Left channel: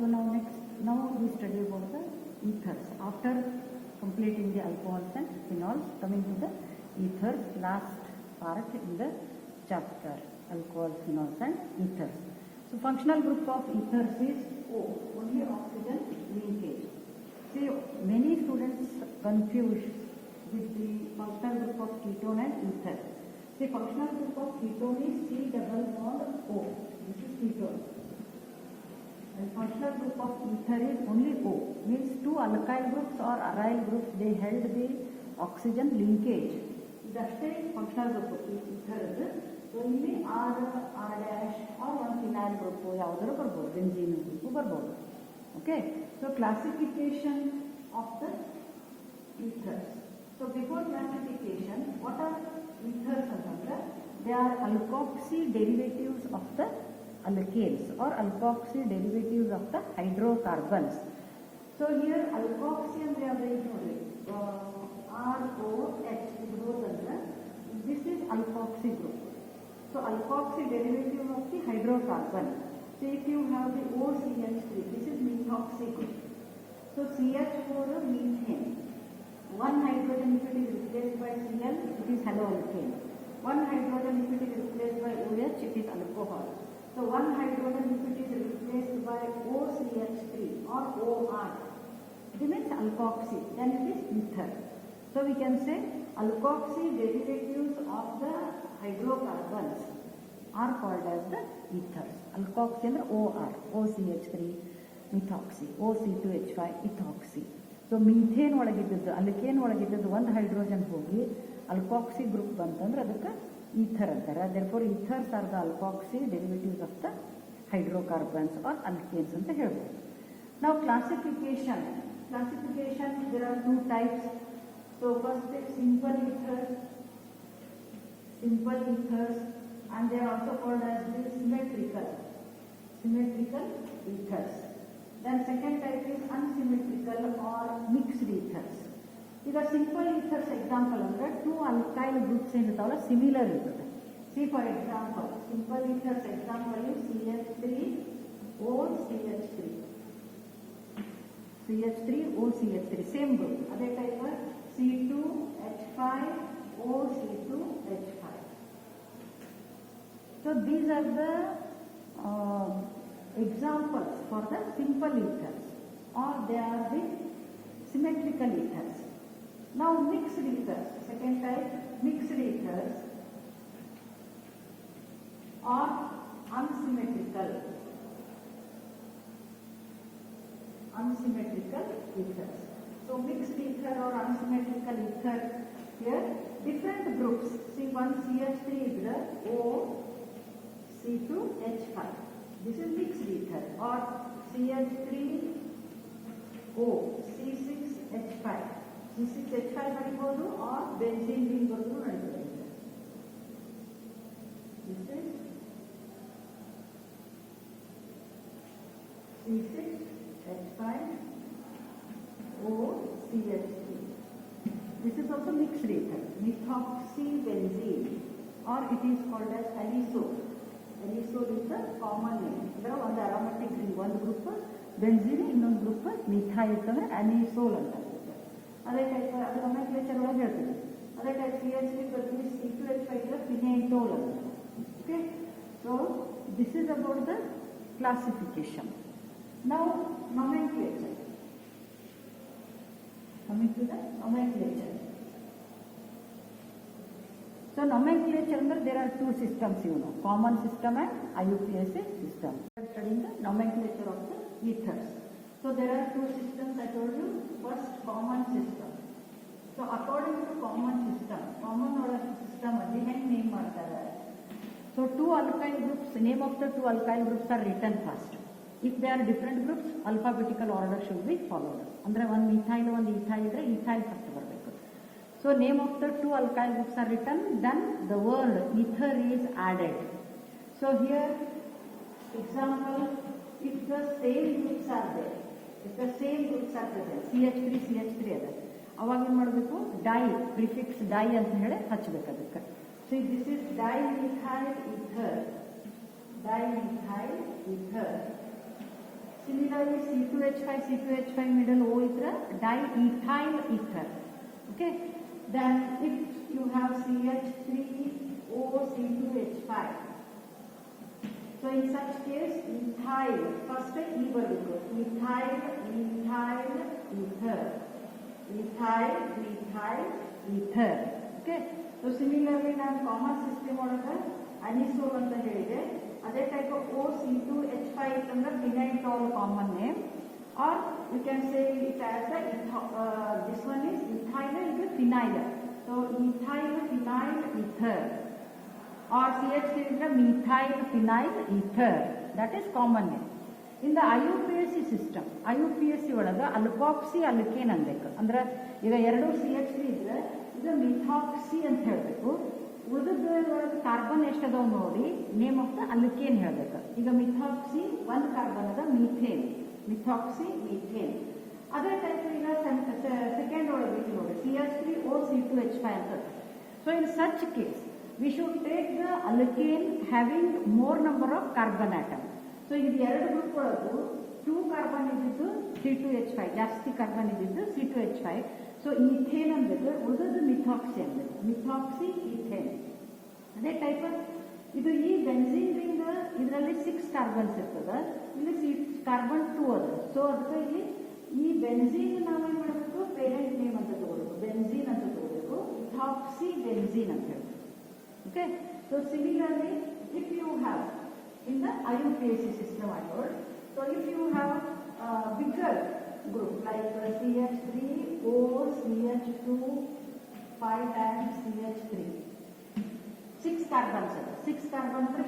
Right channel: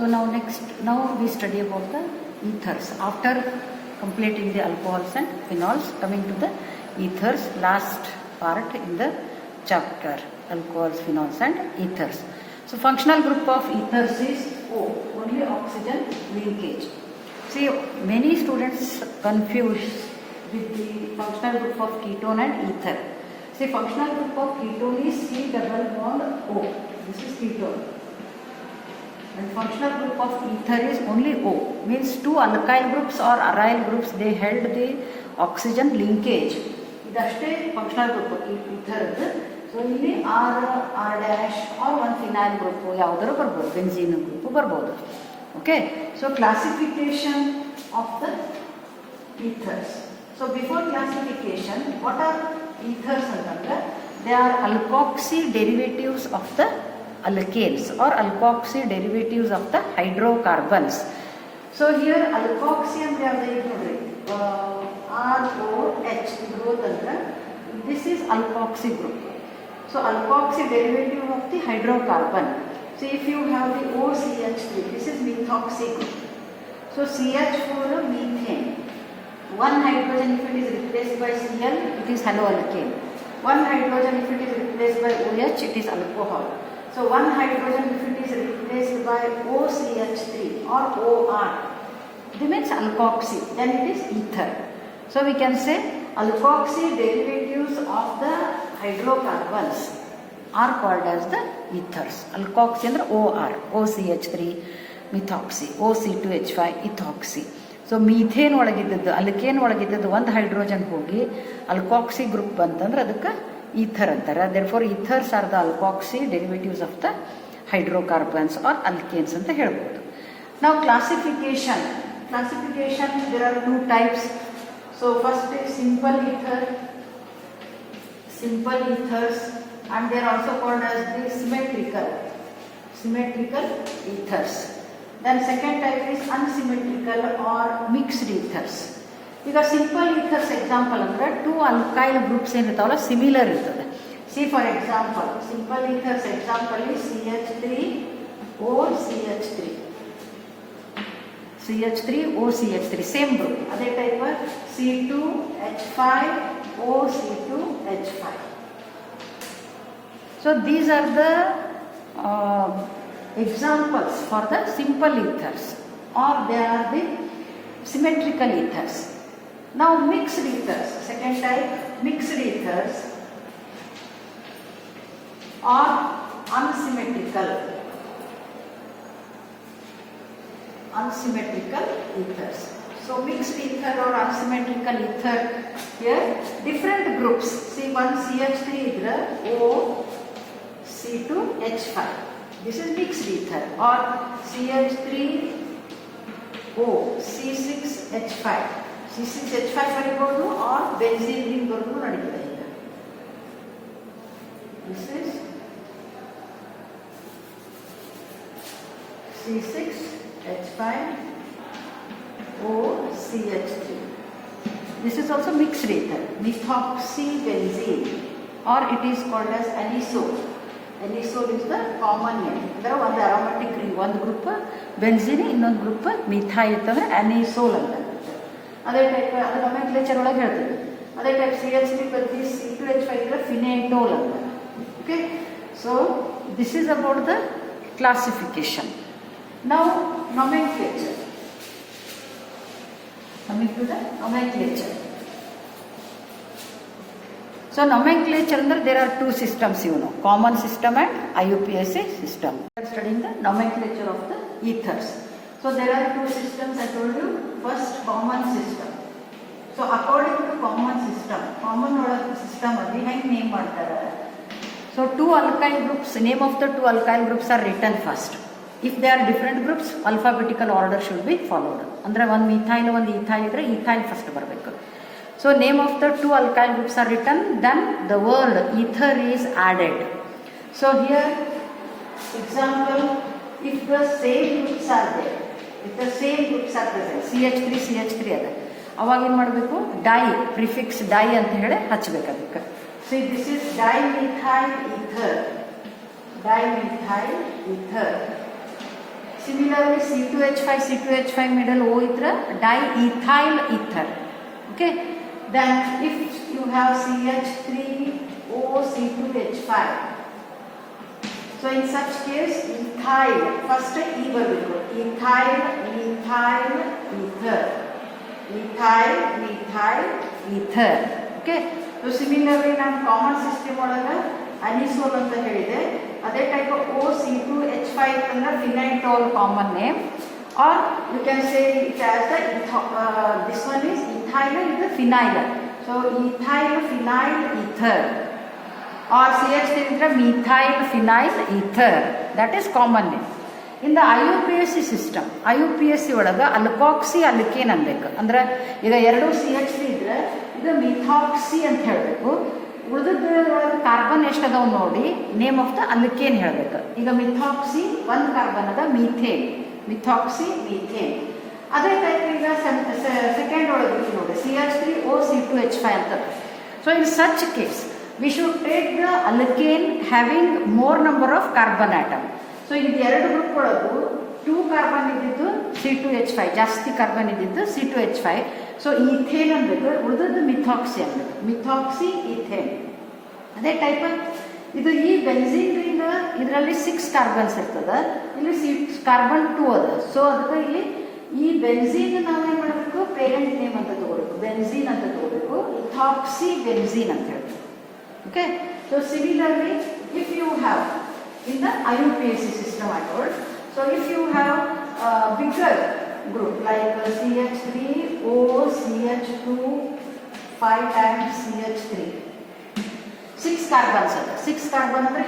So now we study about the ethers. After completing the alcohols and phenols, coming to the ethers, last part in the chapter, alcohols, phenols and ethers. So functional group of ethers is O, only oxygen linkage. See, many students confuse with the functional group of ketone and ether. See, functional group of ketone is C double bond O. This is ketone. And functional group of ether is only O. Means two alkyl groups or aryl groups, they held the oxygen linkage. ಇದಷ್ಟೇ functional group ಈಥರ್ದು. So ಇಲ್ಲಿ R dash R ಒಂದು phenyl group ಯಾವುದಾದ್ರು ಬರ್ಬೋದು, benzene group ಬರ್ಬೋದು. Okay, so classification of the ethers. So before classification, what are ethers ಅಂತಂದ್ರೆ they are alkoxy derivatives of the alkanes or alkoxy derivatives of the hydrocarbons. So here alkoxy ಅಂದ್ರೆ ಯಾವ್ದು ನೋಡ್ರಿ, ROH growth ಅಂದ್ರೆ this is alkoxy group. So alkoxy derivative of the hydrocarbon. So if you have the OCH3, this is methoxy group. So CH4 methane, one hydrogen if it is replaced by Cl, it is haloalkane. One hydrogen if it is replaced by OH, it is alcohol. So one hydrogen if it is replaced by OCH3 or OR, it means alkoxy, then it is ether. So we can say alkoxy derivatives of the hydrocarbons are called as the ethers. Alkoxy ಅಂದ್ರೆ OR, OCH3 methoxy, OC2H5 ethoxy. So methane ಒಳಗಿದ್ದದ್ದು, alkane ಒಳಗಿದ್ದದ್ದು ಒಂದು hydrogen ಹೋಗಿ ಅಲ್ಕಾಕ್ಸಿ group ಬಂತಂದ್ರೆ ಅದಕ್ಕೆ ether ಅಂತಾರೆ. therefore ethers are the alkoxy derivatives of the hydrocarbons or alkanes ಅಂತ ಹೇಳ್ಬೋದು. Now classification, there are two types. So first is simple ethers, and they are also called as the symmetrical ethers. Then second type is unsymmetrical or mixed ethers. ಈಗ simple ethers example ಅಂದರೆ two alkyl groups ಏನಿರ್ತಾವಲ್ಲ similar ಇರ್ತದೆ. See for example simple ethers example CH3OCH3 same group. ಅದೇ type C2H5OC2H5. So these are the examples for the simple ethers, or they are the symmetrical ethers. Now mixed ethers, second type, mixed ethers are unsymmetrical ethers. So mixed ether or unsymmetrical ether, here different groups. See, one CH3 idra OC2H5, this is mixed ether, or CH3O C6H5 ಬರೀಬಹುದು, or benzene ring ಬರೆದು ನಡೀತದೆ. ಈಗ this is C6H5OCH3. this is also mixed ether, methoxybenzene, or it is called as anisole. Anisole is the common name. ಅಂದರೆ ಒಂದು aromatic ring, ಒಂದು group benzene, ಇನ್ನೊಂದು group methyl ಇರ್ತಂದ್ರೆ ಅನಿಸೋಲ್ ಅಂತ. ಅದೇ type ಅದು ನೊಮೆನ್ಕ್ಲೇಚರ್ ಒಳಗೆ ಹೇಳ್ತೀವಿ. ಅದೇ ಟೈಪ್ CH3 ಬದಲಿ C2H5 ಇದ್ರೆ ಫಿನೇಟೋಲ್ ಅಂತ. Okay, so this is about the classification. Now nomenclature. Coming to the nomenclature. So nomenclature under there are two systems, you know, common system and IUPAC system. We are studying the nomenclature of the ethers. So there are two systems I told you. First, common system. So according to common system ಅಲ್ಲಿ ಹೆಂಗೆ name ಮಾಡ್ತಾರೆ? So two alkyl groups, name of the two alkyl groups are written first. If they are different groups, alphabetical order should be followed. ಅಂದ್ರೆ ಒಂದು methyl ಒಂದು ethyl ಇದ್ರೆ ethyl first ಬರಬೇಕು. So name of the two alkyl groups are written, then the word ether is added. So here example, if the same groups are there, if the same groups are present, CH3 ಅದ, ಅವಾಗ ಏನು ಮಾಡಬೇಕು, dye prefix dye ಅಂತ ಹೇಳಿ ಹಚ್ಚಬೇಕು ಅದಕ್ಕೆ. So this is dimethyl ether. Similarly, C2H5 middle O ಇದ್ರೆ diethyl ether. Okay. Then if you have CH3O C2H5, so in such case ethyl first E ಬರಬೇಕು, ethyl ether. Okay. So similarly ನಾನು common system ಒಳಗೆ anisole ಅಂತ ಹೇಳಿದೆ, ಅದೇ type OC2H5 ಅಂದ್ರೆ phenetole common name, or you can say it as the this one is ethyl is the phenyl, so ethyl phenyl ether, or CH3 is methyl phenyl ether, that is common name. In the IUPAC system, IUPAC ಒಳಗೆ ಅಲ್ಕಾಕ್ಸಿ alkane ಅನ್ಬೇಕು, ಅಂದ್ರೆ ಈಗ ಎರಡು CH3 ಇದ್ರೆ ಇದು ಮಿಥಾಕ್ಸಿ ಅಂತ ಹೇಳಬೇಕು, ಉಳಿದೊಳಗೆ carbon ಎಷ್ಟು ಅದಾವ ನೋಡಿ ನೇಮ್ ಆಫ್ ದ ಅಲ್ಕೇನ್ ಹೇಳಬೇಕು. ಈಗ ಮಿಥಾಕ್ಸಿ ಒಂದು ಕಾರ್ಬನ್ ಅದ ಮೀಥೇನ್, ಮಿಥಾಕ್ಸಿ ಮೀಥೇನ್. ಅದೇ ಟೈಪ್ ಈಗ ಸೆಕೆಂಡ್ ಒಳಗೆ ನೋಡಿ CH3O C2H5 ಅಂತ. So in such case we should take the alkane having more number of carbon atom. So ಇದು ಎರಡು ಗ್ರೂಪ್ ಒಳಗೂ 2 ಕಾರ್ಬನ್ ಇದ್ದಿದ್ದು C2H5, ಜಾಸ್ತಿ ಕಾರ್ಬನ್ ಇದ್ದಿದ್ದು C2H5. ಸೊ ಈಥೇನ್ ಅನ್ಬೇಕು, ಉಳಿದದ್ದು ಮಿಥಾಕ್ಸಿ ಅನ್ಬೇಕು, ಮಿಥಾಕ್ಸಿ ಈಥೇನ್. ಅದೇ ಟೈಪ್ ಇದು ಈ ಬೆನ್ಝೀನ್ ರಿಂಗ್ ಇದರಲ್ಲಿ 6 ಕಾರ್ಬನ್ಸ್ ಇರ್ತದೆ, ಇಲ್ಲಿ ಕಾರ್ಬನ್ 2 ಅದ. ಸೊ ಅದಕ್ಕೆ ಇಲ್ಲಿ ಈ ಬೆನ್ಝೀನ್ ನಾವೇನು ಮಾಡಬೇಕು, ಪೇರೆಂಟ್ ನೇಮ್ ಅಂತ ತಗೋಬೇಕು, ಬೆನ್ಝೀನ್ ಅಂತ ತಗೋಬೇಕು, ಇಥಾಕ್ಸಿ ಬೆನ್ಝೀನ್ ಅಂತ ಹೇಳ್ಬೇಕು. Okay. So similarly if you have in the IUPAC system I told, so if you have a bigger group like CH3O CH2 5 times CH3, 6 carbons ada, 6 carbon ಅಂದ್ರೆ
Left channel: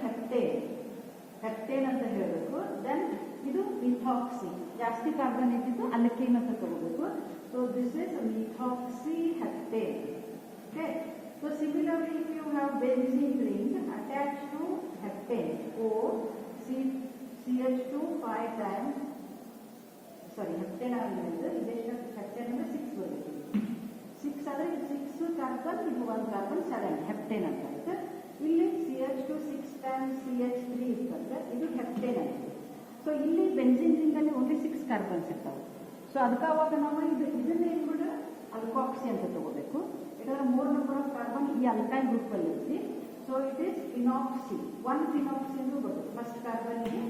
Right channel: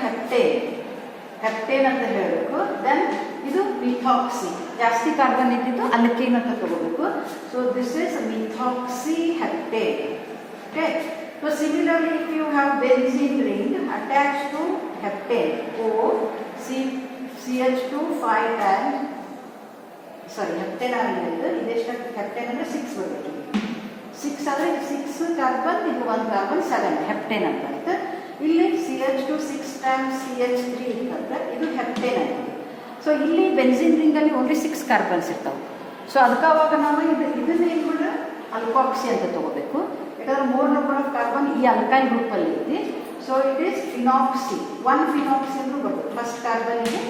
heptane ಅಂತ ಹೇಳಬೇಕು. Then ಇದು ಮಿಥಾಕ್ಸಿ, ಜಾಸ್ತಿ carbon ಇದ್ದಿದ್ದು alkane ಅಂತ ತಗೋಬೇಕು. So this is methoxy heptane. Okay. So similarly, if you have benzene ring attached to heptane O CH2 5 times, sorry heptane ಆಗಿರೋದು ಇದೆಷ್ಟು, heptane ಅಂದ್ರೆ 6 ಬರಬೇಕು. 6 ಆದರೆ 6 ಕಾರ್ಬನ್, ಇದು 1 ಕಾರ್ಬನ್ 7 ಹೆಪ್ಟೇನ್ ಅಂತ ಆಯ್ತು. ಇಲ್ಲಿ CH2 6 times CH3 ಇರ್ತಂದ್ರೆ ಇದು ಹೆಪ್ಟೇನ್ ಆಗಿದೆ. ಸೊ ಇಲ್ಲಿ ಬೆನ್ಝೀನ್ ರಿಂಗಲ್ಲಿ ಓನ್ಲಿ 6 ಕಾರ್ಬನ್ಸ್ ಇರ್ತಾವೆ. ಸೊ ಅದಕ್ಕೆ ಅವಾಗ ನಾವು ಇದನ್ನ ಏನು ಕೂಡ ಅಲ್ಕಾಕ್ಸಿ ಅಂತ ತಗೋಬೇಕು, ಯಾಕಂದ್ರೆ ಮೋರ್ ನಂಬರ್ ಆಫ್ ಕಾರ್ಬನ್ ಈ ಅಲ್ಕೈಲ್ ಗ್ರೂಪಲ್ಲಿ ಐತಿ. So it is phenoxy, 1 phenoxy ಅಂದ್ರೂ ಬರ್ತದೆ, ಫಸ್ಟ್ ಕಾರ್ಬನ್ಗೆ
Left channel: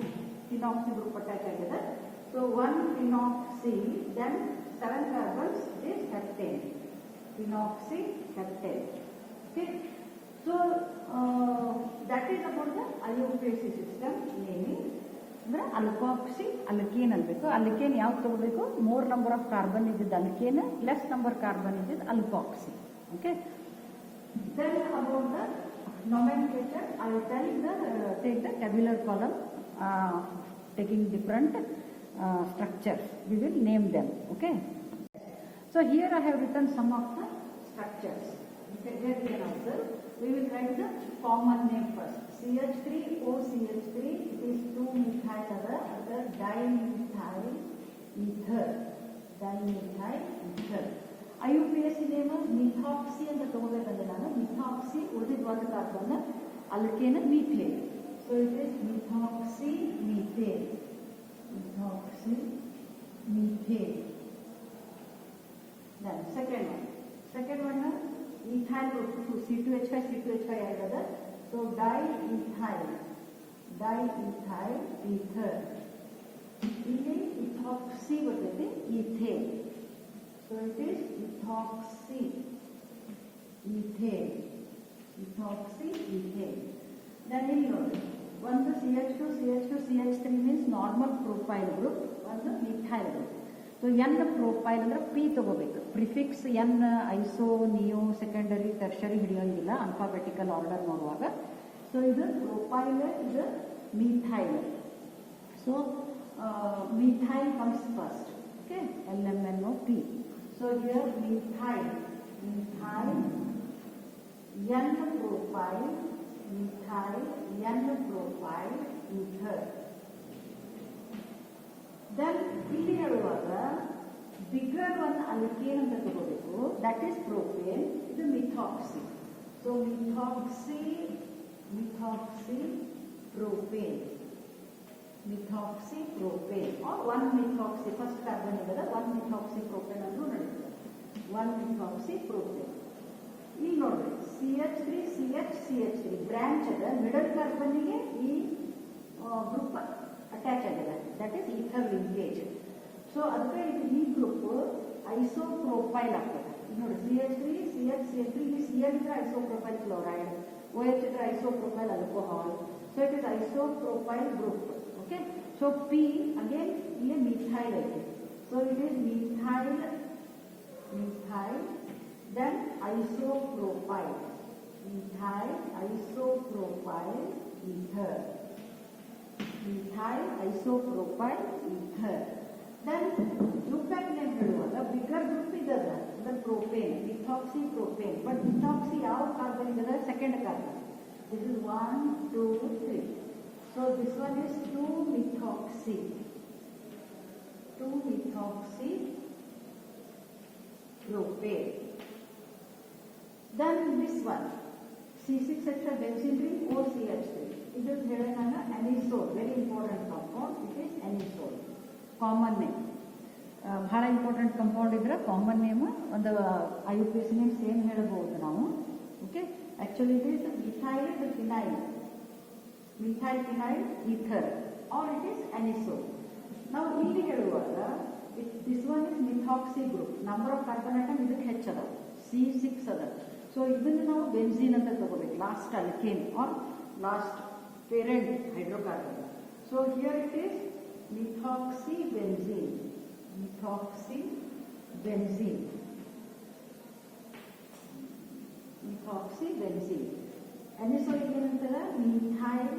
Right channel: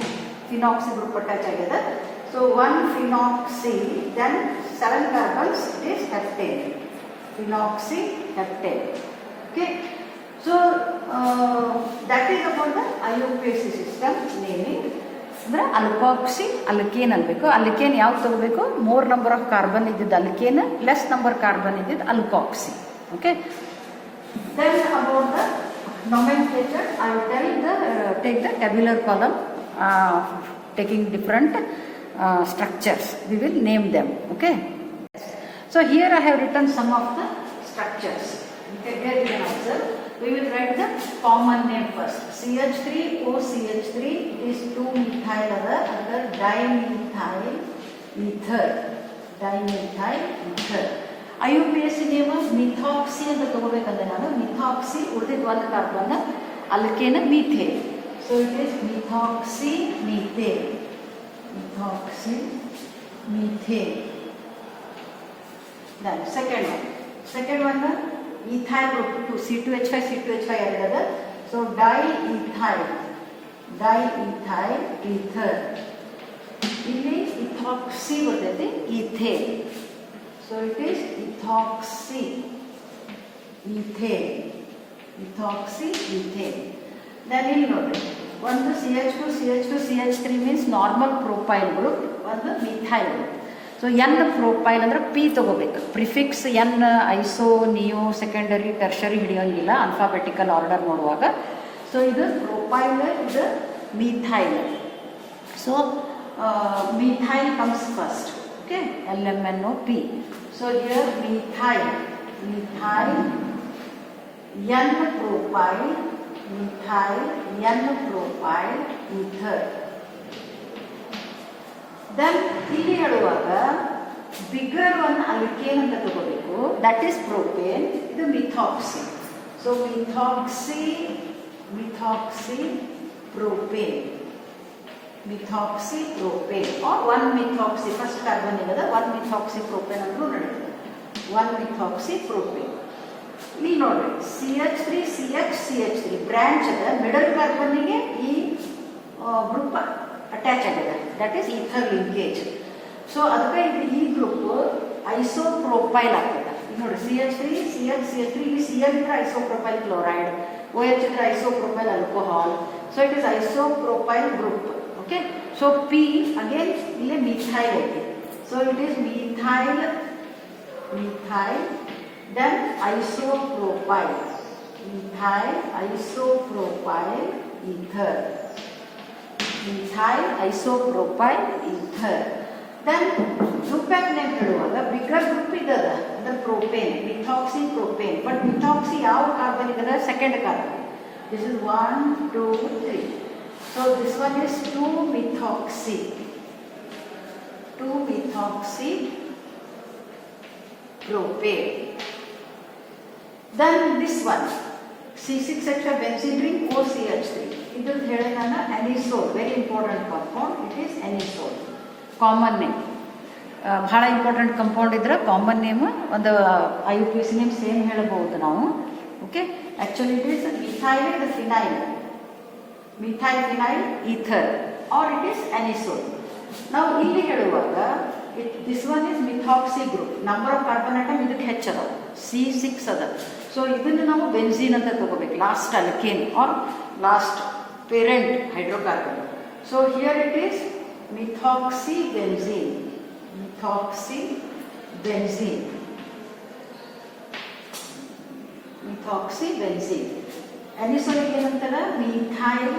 ಫಿನಾಕ್ಸಿ ಗ್ರೂಪ್ ಅಟ್ಯಾಚ್ ಆಗಿದೆ. So 1 phenoxy, then 7 carbons, it is heptane, phenoxy heptane. Okay. So that is about the IUPAC system naming. ಅಂದರೆ alkoxy alkane ಅನ್ಬೇಕು. Alkane ಯಾವ್ದು ತಗೋಬೇಕು, ಮೋರ್ ನಂಬರ್ ಆಫ್ ಕಾರ್ಬನ್ ಇದ್ದಿದ್ದು alkane, less number carbon ಇದ್ದಿದ್ದು alkoxy. Okay. Then about the nomenclature, I will tell take the tabular column, taking different structures. We will name them. Okay. So here I have written some of the structures. Okay. Here you can observe. We will write the common name first. CH3O CH3, it is 2-methyl other dimethyl ether. IUPAC name methoxy ಅಂತ ತಗೋಬೇಕಂದ್ರೆ ನಾನು methoxy, ಉಳಿದಿದ್ದು 1 carbon alkane methane. So it is methoxy methane, then second one ethyl group 2 C2H5 ಆಗಿರೋದು. So diethyl ether, ಇಲ್ಲಿ ಇಥಾಕ್ಸಿ ಬರ್ತೈತಿ, ethane. So it is ethoxy ethane. Then ಇಲ್ಲಿ ನೋಡಿ, ಒಂದು CH2 CH3 means normal propyl group, ಒಂದು methyl group. So N propyl ಅಂದ್ರೆ P ತಗೋಬೇಕು, prefix N iso neo secondary tertiary ಹಿಡಿಯೋಂಗಿಲ್ಲ ಆಲ್ಫಾಬೆಟಿಕಲ್ ಆರ್ಡರ್ ನೋಡುವಾಗ. ಸೊ ಇದು ಪ್ರೊಪೈಲ್, ಇದು methyl. So methyl comes first. Okay, LMNOP. So here methyl, N-propyl, ether. Then ಇಲ್ಲಿ ಹೇಳುವಾಗ bigger one alkane ಅಂತ ತಗೋಬೇಕು, ದಟ್ ಈಸ್ ಪ್ರೊಪೇನ್, ಇದು methoxy. So methoxy propane. methoxypropane or 1-methoxy, first carbon igada 1-methoxypropane ಅಂದ್ರೂ ನಡೆಯುತ್ತೆ. 1-methoxypropane. ಇಲ್ಲಿ ನೋಡ್ರಿ CH3 branch ಅದ, ಮಿಡಲ್ ಕಾರ್ಬನ್ನಿಗೆ ಈ ಗ್ರೂಪ್ ಅಟ್ಯಾಚ್ ಆಗಿದೆ, that is ether linkage. So ಅದಕ್ಕೆ ಇದು ಈ ಗ್ರೂಪ್ ಐಸೋಪ್ರೋಪೈಲ್ ಆಗ್ತದೆ. ಈಗ ನೋಡಿ CH3 ಇಲ್ಲಿ Cl ಇದ್ರೆ ಐಸೋಪ್ರೋಪೈಲ್ ಕ್ಲೋರೈಡ್, OH ಇದ್ರೆ isopropyl alcohol. So it is isopropyl group. Okay, so P again ಇಲ್ಲಿ ಮಿಥೈಲ್ ಐತಿ. So it is methyl then isopropyl, methyl isopropyl ether, methyl isopropyl ether. Then group name ಹೇಳುವಾಗ bigger group ಇದದ ಅಂದ್ರೆ propane, methoxypropane. But methoxy ಯಾವ carbon ಇದದ? Second carbon. This is 1 2 3. So this one is 2-methoxy propane. Then this one C6H5 benzene ring OCH3. ಇದು ಹೇಳಿ ನಾನು anisole, very important compound. It is anisole, common name. ಬಹಳ important compound ಇದ್ರೆ common name ಒಂದು IUPAC name same ಹೇಳಬಹುದು ನಾವು. Okay, actually it is methyl phenyl ether or it is anisole. ನಾವು ಇಲ್ಲಿ ಹೇಳುವಾಗ this one is methoxy group. Number of carbon atom ಇದಕ್ಕೆ ಹೆಚ್ಚದ, C6 ಅದ. ಸೊ ಇದನ್ನು ನಾವು ಬೆನ್ಝೀನ್ ಅಂತ ತಗೋಬೇಕು, last alkane or last parent hydrocarbon. So here it is methoxy benzene. ಅನಿಸೋಲಿಗೆ ಏನಂತಾರ? Methyl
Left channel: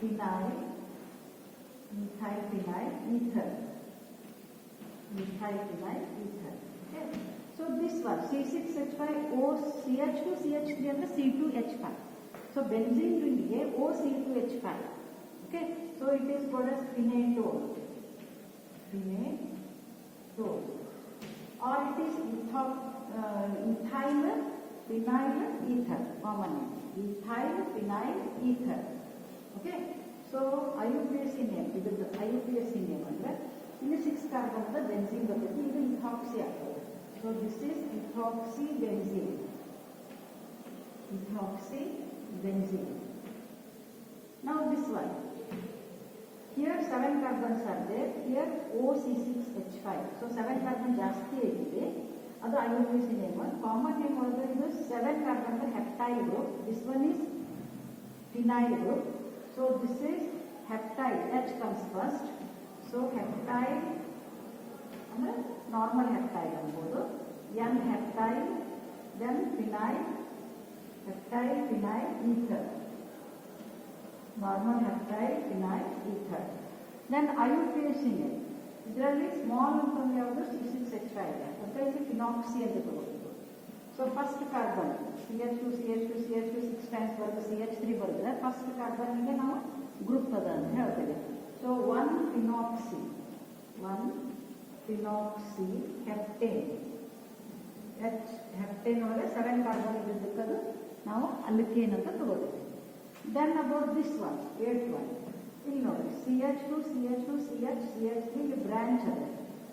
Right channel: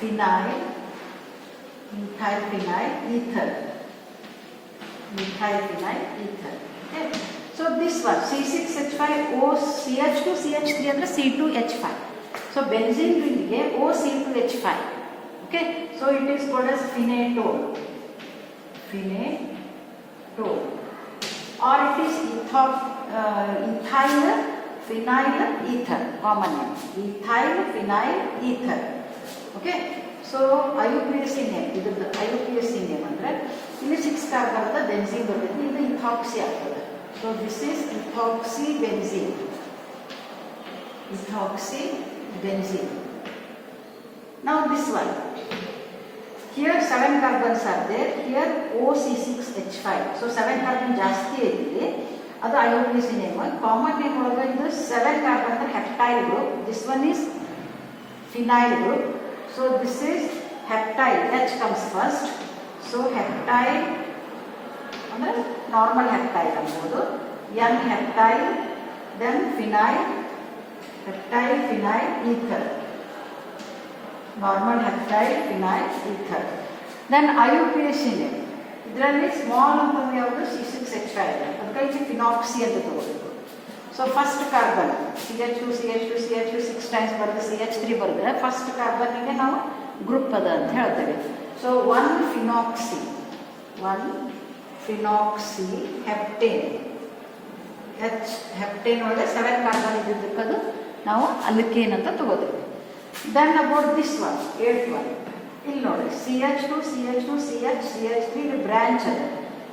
phenyl ether. Okay, so this one C6H5OCH2 CH3 ಅಂದ್ರೆ C2H5. so benzene ring ಗೆ OC2H5. okay, so it is called as phenatone or it is ethyl phenyl ether, common name ethyl phenyl ether. okay, so IUPAC name, ಇದ್ರದ್ದು IUPAC name ಅಂದರೆ ಇಲ್ಲಿ 6 carbon ಅದ, benzene ಬರ್ತೈತಿ, ಇದು ethoxy ಆಗ್ತದೆ. So this is ethoxy benzene. Now this one here 7 carbons are there, here OC6H5. So 7 carbon ಜಾಸ್ತಿ ಐತಿ, ಅದು IUPAC ನೇಮ್. ಕಾಮನ್ ನೇಮ್ ಒಳಗೆ ಇದು 7 ಕಾರ್ಬನ್ ಅಂದ್ರೆ heptyl group. This one is phenyl group. So this is heptyl, H comes first. So heptyl ಅಂದ್ರೆ normal heptyl ಅನ್ಬೋದು, N-heptyl, then phenyl ether, normal heptyl phenyl ether. Then IUPAC name, ಇದರಲ್ಲಿ small ಅಂತಂದ್ರೆ ಯಾವುದು? C6H5 ಇದೆ, ಅದಕ್ಕೆ ಫಿನಾಕ್ಸಿ ಅಂತ ತಗೋಬೇಕು. So first carbon CH2 6 times ಬರೆದು CH3 ಬರೆದ್ರೆ ಫಸ್ಟ್ ಕಾರ್ಬನ್ನಿಗೆ ನಾವು ಗ್ರೂಪ್ ಅದ ಅಂತ ಹೇಳ್ತೇವೆ. ಸೊ 1-phenoxy ಹೆಪ್ಟೇನ್ ಒಳಗೆ 7 ಕಾರ್ಬನ್ ಇದ್ದಿದ್ದಕ್ಕೆ ಅದು ನಾವು ಅಲ್ಕೇನ್ ಅಂತ ತಗೋತೀವಿ. Then about this one 8th one, ಇಲ್ಲಿ ನೋಡಿ CH2 CH3 ಇದು ಬ್ರಾಂಚ್ ಅದ.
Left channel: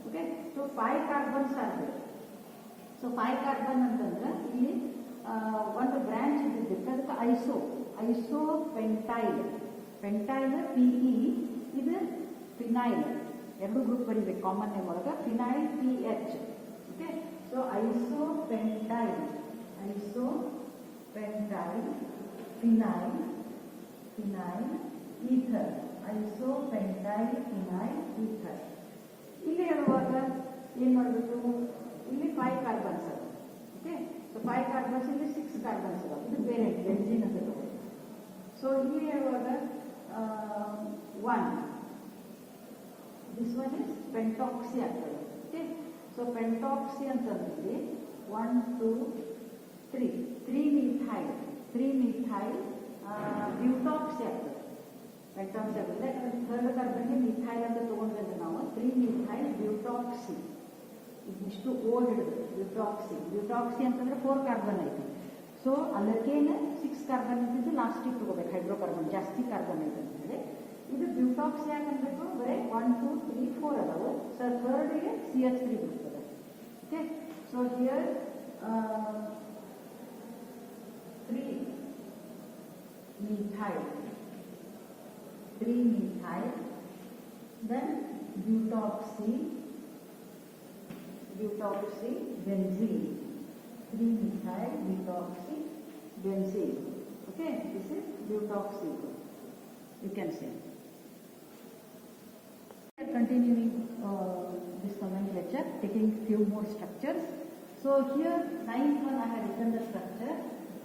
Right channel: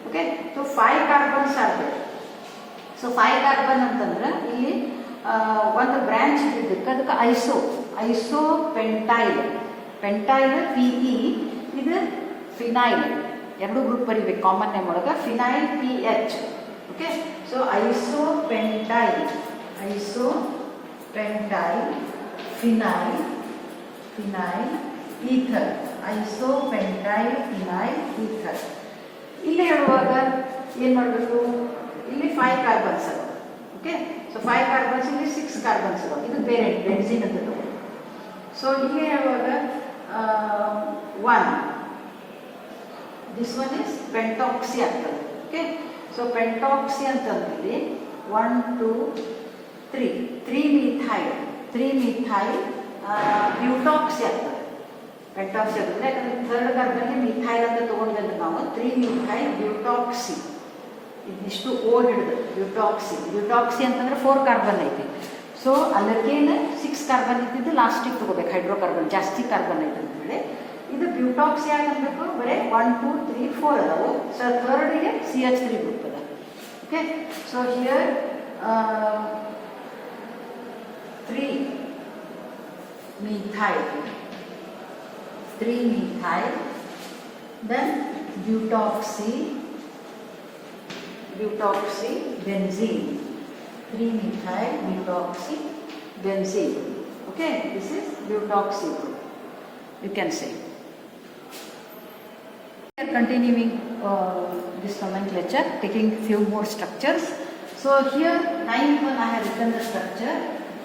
ಓಕೆ, ಸೊ 5 ಕಾರ್ಬನ್ಸ್ ಆಗ್ಬೇಕು. ಸೊ 5 ಕಾರ್ಬನ್ ಅಂತಂದ್ರೆ ಇಲ್ಲಿ ಒಂದು ಬ್ರಾಂಚ್ ಇದ್ದಕ್ಕೆ ಅದಕ್ಕೆ ಐಸೋಪೆಂಟೈಲ್ PE, ಇದು ಫಿನೈಲ್. ಎರಡು ಗ್ರೂಪ್ ಬರೀಬೇಕು ಕಾಮನ್ ನೇಮ್ ಒಳಗೆ, phenyl PH. Okay, so isopentyl phenyl ether, ಇಲ್ಲಿ ಹೇಳುವಾಗ ಏನು ಮಾಡಬೇಕು? ಇಲ್ಲಿ 5 ಕಾರ್ಬನ್ಸ್ ಅದ. ಓಕೆ, ಸೊ 5 ಕಾರ್ಬನ್ಸ್, ಇಲ್ಲಿ 6 ಕಾರ್ಬನ್ಸ್ ಅದಾವ. ಇದು ಪೇರೆಂಟ್ ಬೆನ್ಝೀನ್ ಅಂತ ತಗೊಂಡು. ಸೊ ಇಲ್ಲಿ ಹೇಳುವಾಗ 1 ದಿಸ್ ಒನ್ ಇಸ್ ಪೆಂಟಾಕ್ಸಿ ಆಗ್ತದೆ. ಓಕೆ, ಸೊ ಪೆಂಟಾಕ್ಸಿ ಅಂತಂದ್ರೆ 1 2 3 ಮಿಥೈಲ್ ಬ್ಯೂಟಾಕ್ಸಿ ಆಗ್ತದೆ. ಪೆಂಟಾಕ್ಸಿ ಆಗ್ತದೆ ಯಾಕಂದ್ರೆ 3rd ಕಾರ್ಬನ್ಗೆ ಮಿಥೈಲ್ ಅಂತ ತಗೊಂಡ್ಬಂದ್ರೆ ನಾವು 3 ಮಿಥೈಲ್ ಬ್ಯೂಟಾಕ್ಸಿ. ಇದಿಷ್ಟು ಓ ಹಿಡಿದು ಬ್ಯೂಟಾಕ್ಸಿ ಅಂತಂದ್ರೆ 4 ಕಾರ್ಬನ್ ಐತಿ. ಸೊ ಅಲ್ಲಕ್ಕೇನು 6 ಕಾರ್ಬನ್ ಇದ್ದಿದ್ದು ಲಾಸ್ಟಿಗೆ ತಗೋಬೇಕು, ಹೈಡ್ರೋಕಾರ್ಬನ್ ಜಾಸ್ತಿ ಕಾರ್ಬನ್ ಐತೆ ಅಂತ ಹೇಳಿ. ಇದು ಬ್ಯೂಟಾಕ್ಸಿ ಯಾಕೆ ಅನ್ಬೇಕು ಬರೀ 1 2 3 4 ಅದಾವು. ಸೊ ಥರ್ಡ್ಗೆ CH3 ಗ್ರೂಪ್ ಅದ. Okay, so here 3 methyl, then butoxy benzene, 3 methyl butoxy benzene. Okay, this is butoxy group, you can say. We are continuing this nomenclature, taking few more structures. So here 9-1 I have written the structure.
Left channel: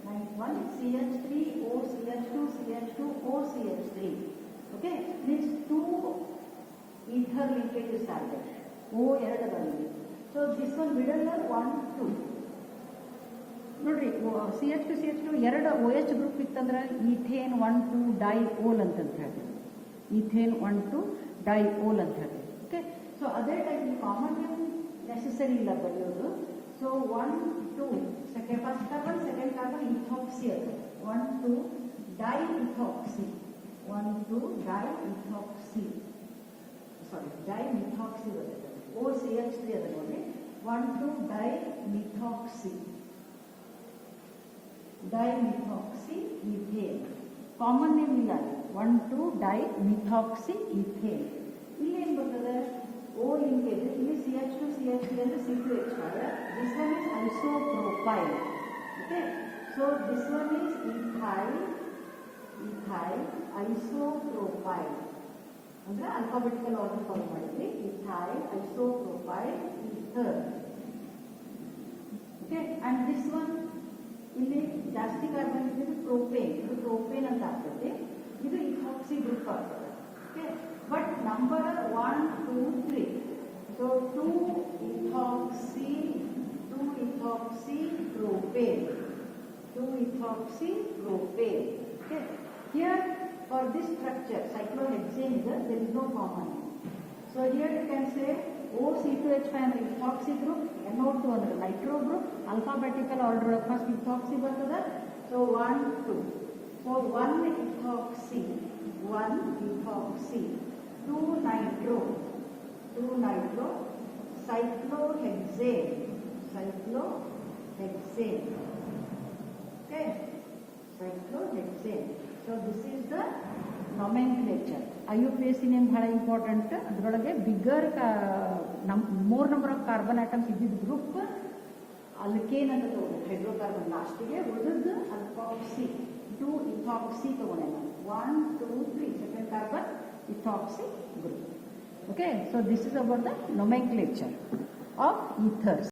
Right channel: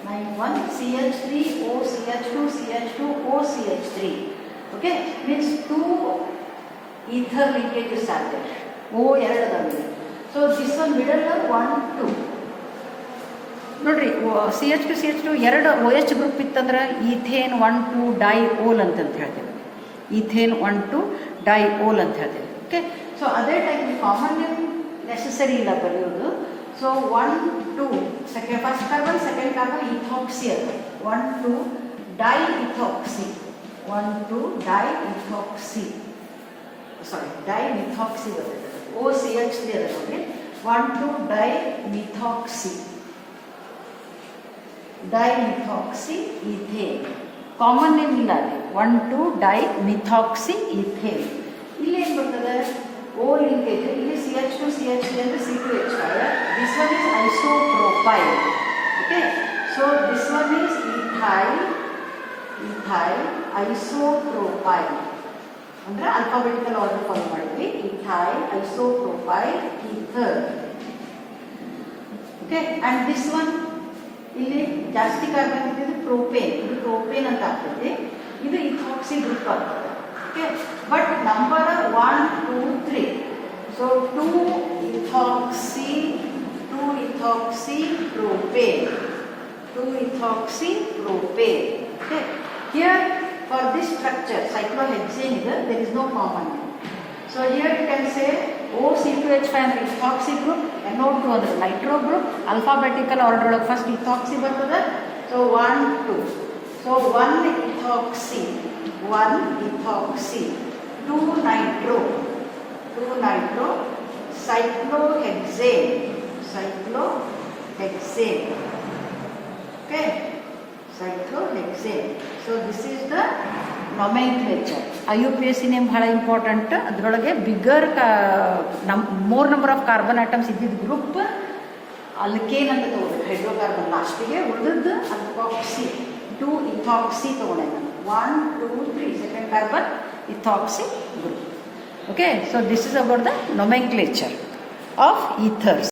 9-1 CH3 OCH2 CH2 OCH3. Okay, means 2 ether linkages are there. O ಎರಡು ಅದಾವೆ. So this one middle 1 2. ನೋಡ್ರಿ CH2 CH2 ಎರಡು OH group ಇತ್ತಂದ್ರೆ ethane 1 2 diol ಅಂತ ಹೇಳ್ತೇವೆ. Ethane 1 2 diol ಅಂತ ಹೇಳ್ತೇವೆ. Okay, so ಅದೇ ಟೈಪ್ ಕಾಮನ್ ನೇಮ್ ನೆಸೆಸರಿ ಇಲ್ಲ ಬರೆಯೋದು. So 1 2 first carbon second carbon ethoxy ಅದ. 1 2 ಡೈಇಥಾಕ್ಸಿ, 1 2 ಡೈಇಥಾಕ್ಸಿ, ಸಾರಿ ಡೈಮಿಥಾಕ್ಸಿ ಬರ್ತದೆ. OCH3 ಅದ ನೋಡ್ರಿ. 1 2 ಡೈಮಿಥಾಕ್ಸಿ ಈಥೇನ್. ಕಾಮನ್ ನೇಮ್ ಇಲ್ಲ ಅಲ್ಲಿ. 1 2 ಡೈಮಿಥಾಕ್ಸಿ ಈಥೇನ್. ಇಲ್ಲಿ ಏನು ಬರ್ತದೆ O linkage, ಇಲ್ಲಿ CH2 CH3 ಅಂದರೆ C2H5. This one is isopropyl. Okay, so this one is ethyl isopropyl. ಅಂದರೆ ಆಲ್ಫಾಬೆಟಿಕಲ್ ಆರ್ಡರ್ ಫಾಲೋ ಮಾಡಿದ್ವಿ. ethyl isopropyl ether. Okay, and this one ಇಲ್ಲಿ ಜಾಸ್ತಿ ಕಾರ್ಬನ್ ಇದ್ದಿದ್ದು ಪ್ರೋಪೇನ್. ಇದು ಪ್ರೋಪೇನ್ ಅಂತ ಆಗ್ತದೆ. ಇದು ಇಥಾಕ್ಸಿ ಗ್ರೂಪ್ ಆಗ್ತದೆ. Okay, but number 1 2 3. So 2 ethoxy propane. Okay, here for this structure cyclohexane there is no common name. So here you can say OC2H5 ಅಂದ್ರೆ ethoxy group, NO2 ಅಂದ್ರೆ nitro group. Alphabetical order ಒಳಗೆ first ethoxy ಬರ್ತದೆ. So 1 2. So 1 ethoxy, 2 nitro, cyclohexane. Okay, cyclohexane. So this is the nomenclature. IUPAC name ಬಹಳ important. ಅದರೊಳಗೆ bigger more number of carbon atoms ಇದ್ದಿದ್ದ group alkane ಅಂತ ತಗೋಬೇಕು. Hydrocarbon ಲಾಸ್ಟಿಗೆ ಉಳಿದದ್ದು ಅಲ್ಕಾಕ್ಸಿ 2 ethoxy ತಗೊಂಡೆ ನಾನು. 1 2 3 second carbon ethoxy group. Okay, so this is about the nomenclature of ethers.